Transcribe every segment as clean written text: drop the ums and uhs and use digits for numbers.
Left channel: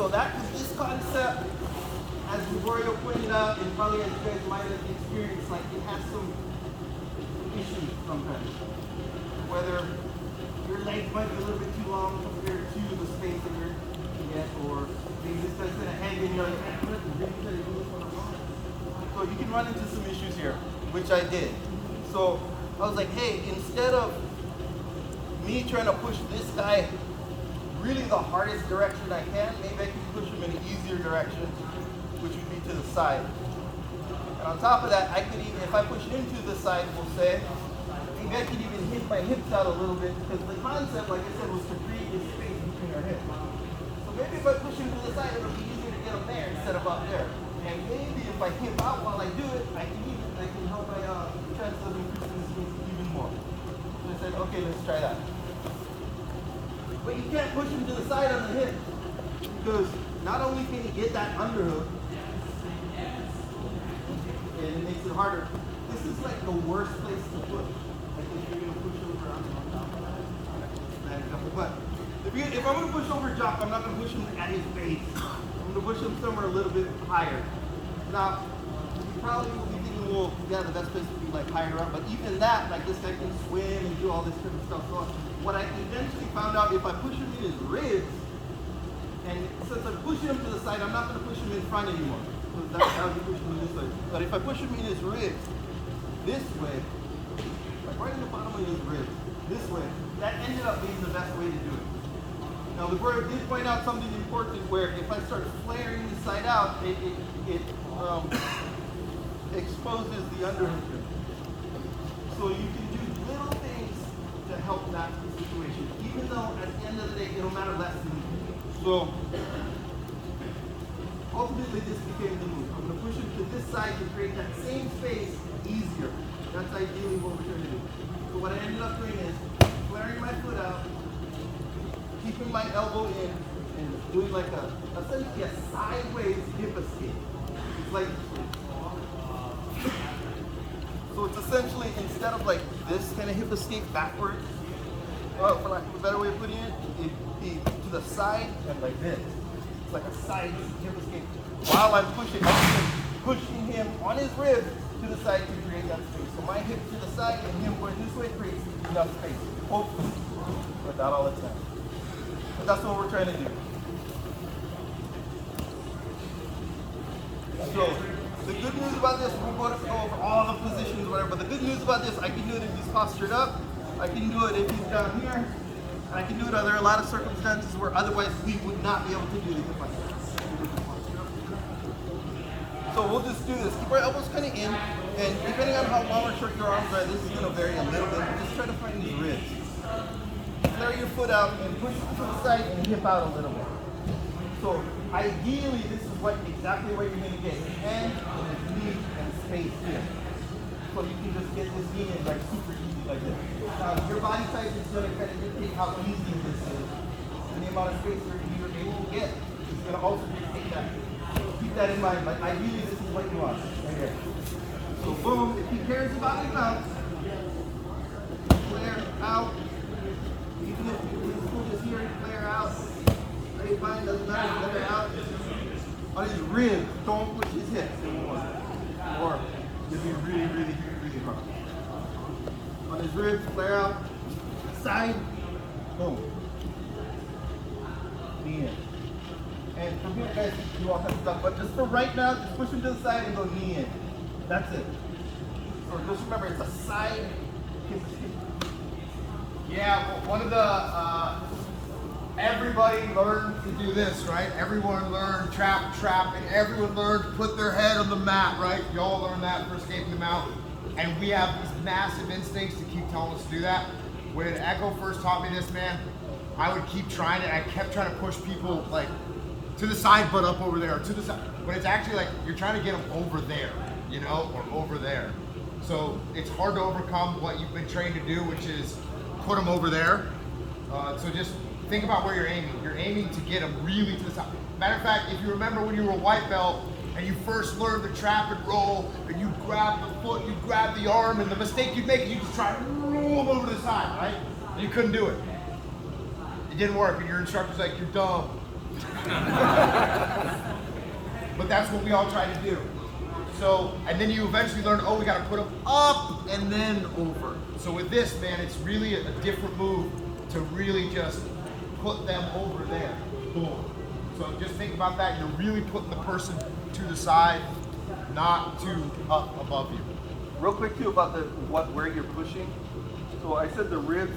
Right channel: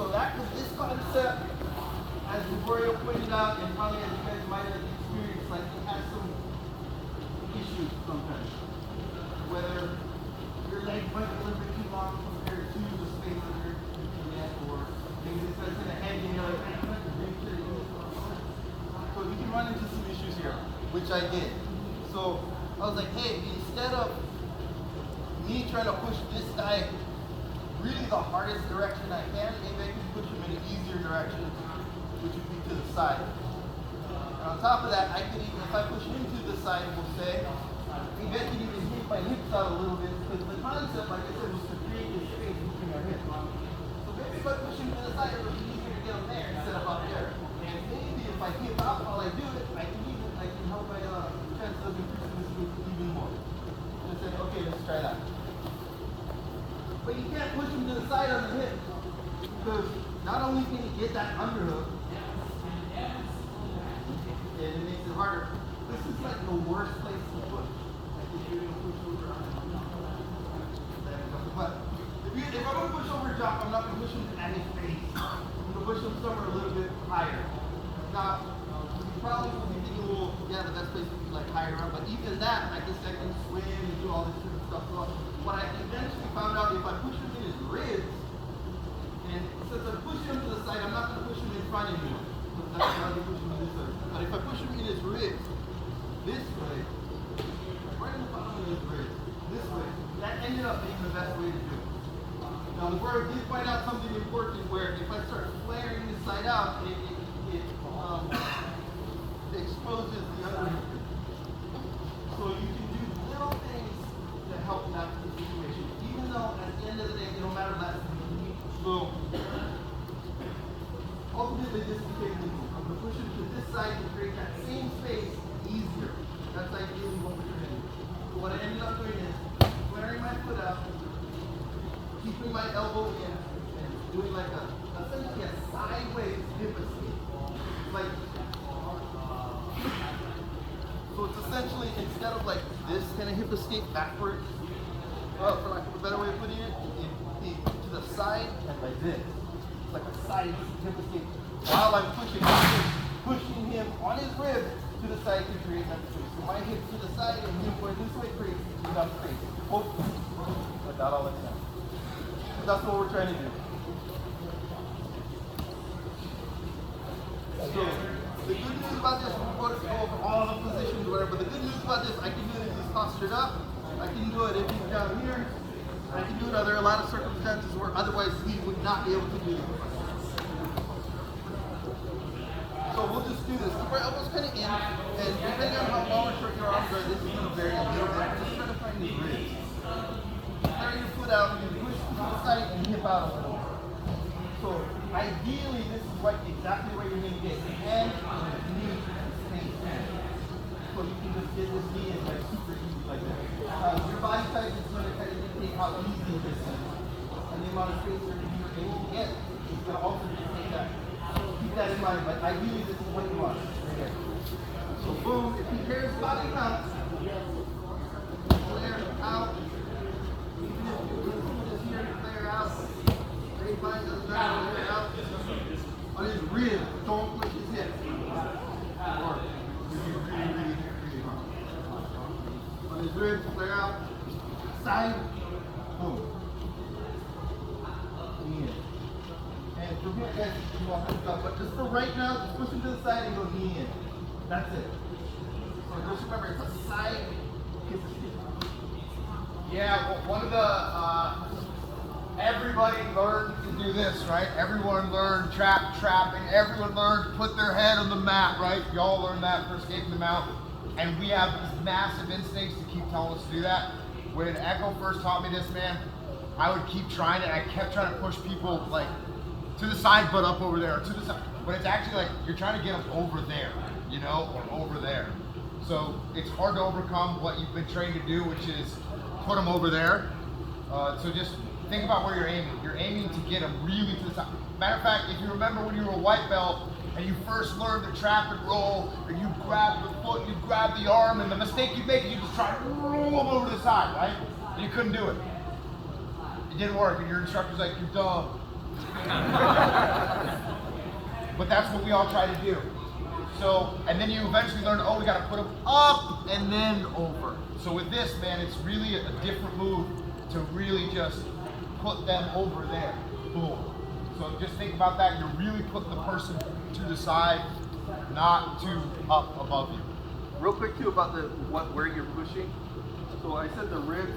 So this concept, as Gregorio pointed out, and probably as you guys might have experienced, like it has some issues sometimes. Whether your legs might be a little bit too long compared to the space that you're at, or maybe this guy's kind of hanging and you're like, man, I'm really trying to do this for a moment. So you can run into some issues here, which I did. So I was like, hey, instead of me trying to push this guy really the hardest direction I can, maybe I can push him in an easier direction, which would be to the side. And on top of that, I could even, if I push him to the side, we'll say, maybe I could even hit my hips out a little bit, because the concept, like I said, was to create a space between our hips. So maybe if I push him to the side, it'll be easier to get him there instead of out there. And maybe if I hip out while I do it, I can help my chances of increasing this even more. So I said, okay, let's try that. But you can't push him to the side on the hip, because not only can you get that underhook, and it makes it harder. This is like the worst place to push. Like if you're gonna push over on top of that. But if I'm gonna push over a jump, I'm not gonna push him at his face. I'm gonna push him somewhere a little bit higher. Now, you probably will be thinking, well, yeah, that's supposed to be like higher up. But even that, like this guy can swim and do all this kind of stuff. So what I eventually found out, if I push him to his ribs, and since I'm pushing him to the side, I'm not gonna push him in front anymore. That's how you push him this way. But if I push him in his ribs, this way, like right in the bottom of his ribs, this way, that ended up being the best way to do it. Now the word did point out something important where if I start flaring inside out, it exposes the underhook. So you can do little things to help that situation, even though at the end of the day, it'll matter less to you. So ultimately this became the move. I'm going to push him to this side to create that same space easier. That's ideally what we're going to do. So what I ended up doing is flaring my foot out, keeping my elbow in, and doing like essentially a sideways hip escape. It's like, so it's essentially, instead of like this kind of hip escape backward, for lack of a better way of putting it, it'd be to the side and like this. It's like a side hip escape. While I'm pushing him on his ribs to the side to create that space. So my hip to the side and him going this way creates enough space. Hopefully, without all the time. But that's what we're trying to do. So the good news about this, we'll go over all the positions, whatever. But the good news about this, I can do it if he's postured up. I can do it if he's down here. I can do it. There are a lot of circumstances where otherwise we would not be able to do it like this. So we'll just do this. Keep our elbows kind of in, and depending on how long or short your arms are, this is going to vary a little bit. Just try to find these ribs. Flare your foot out and push to the side and hip out a little bit. So ideally, this is exactly where you're going to get your hand and your knee and space here. So you can just get this knee in like super easy like this. Your body size is going to kind of dictate how easy this is. And the amount of space you're able to get is going to also dictate that. Keep that in mind, but ideally this is what you want. Right here. So boom, if he carries his body out, flare out. Even if his foot is here, flare out. Ready, fine, doesn't matter, flare out. On his ribs, don't push his hips anymore. Or if you really hard. On his ribs, flare out. Side, boom. Knee in. And from here, guys, you can do all kinds of stuff. But just for right now, just push him to the side and go knee in. That's it. So just remember, it's a side kick. Yeah, well, one of the, everybody learned to do this, right? Everyone learned trap, and everyone learned to put their head on the mat, right? Y'all learned that for escaping the mount. And we have these massive instincts to keep telling us to do that. When Echo first taught me this, man, I would keep trying it. I kept trying to push people like to the side, but up over there, or to the side. But it's actually like you're trying to get them over there, you know, or over there. So it's hard to overcome what you've been trained to do, which is put them over there. So just think about where you're aiming. You're aiming to get them really to the side. Matter of fact, if you remember when you were a white belt and you first learned to trap and roll, and you grab the foot, you grab the arm, and the mistake you'd make is you just try to roll them over to the side, right? And you couldn't do it. It didn't work, and your instructor's like, you're dumb. But that's what we all try to do. So, and then you eventually learn, oh, we got to put them up and then over. So with this, man, it's really a different move to really just put them over there. Boom. So just think about that. You're really putting the person to the side, not to up above you. Real quick too about where you're pushing. So I said the ribs,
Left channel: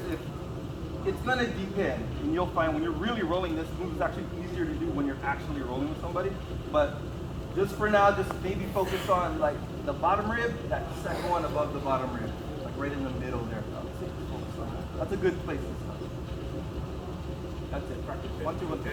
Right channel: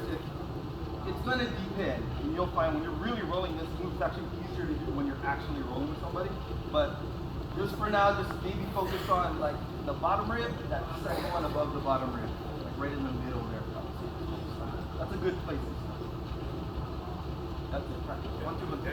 it's gonna depend, and you'll find when you're really rolling this move, it's actually easier to do when you're actually rolling with somebody. But just for now, just maybe focus on like the bottom rib, that second one above the bottom rib, like right in the middle there. I would say just focus on that. That's a good place to start. That's it. Practice 1, 2, 1, 3.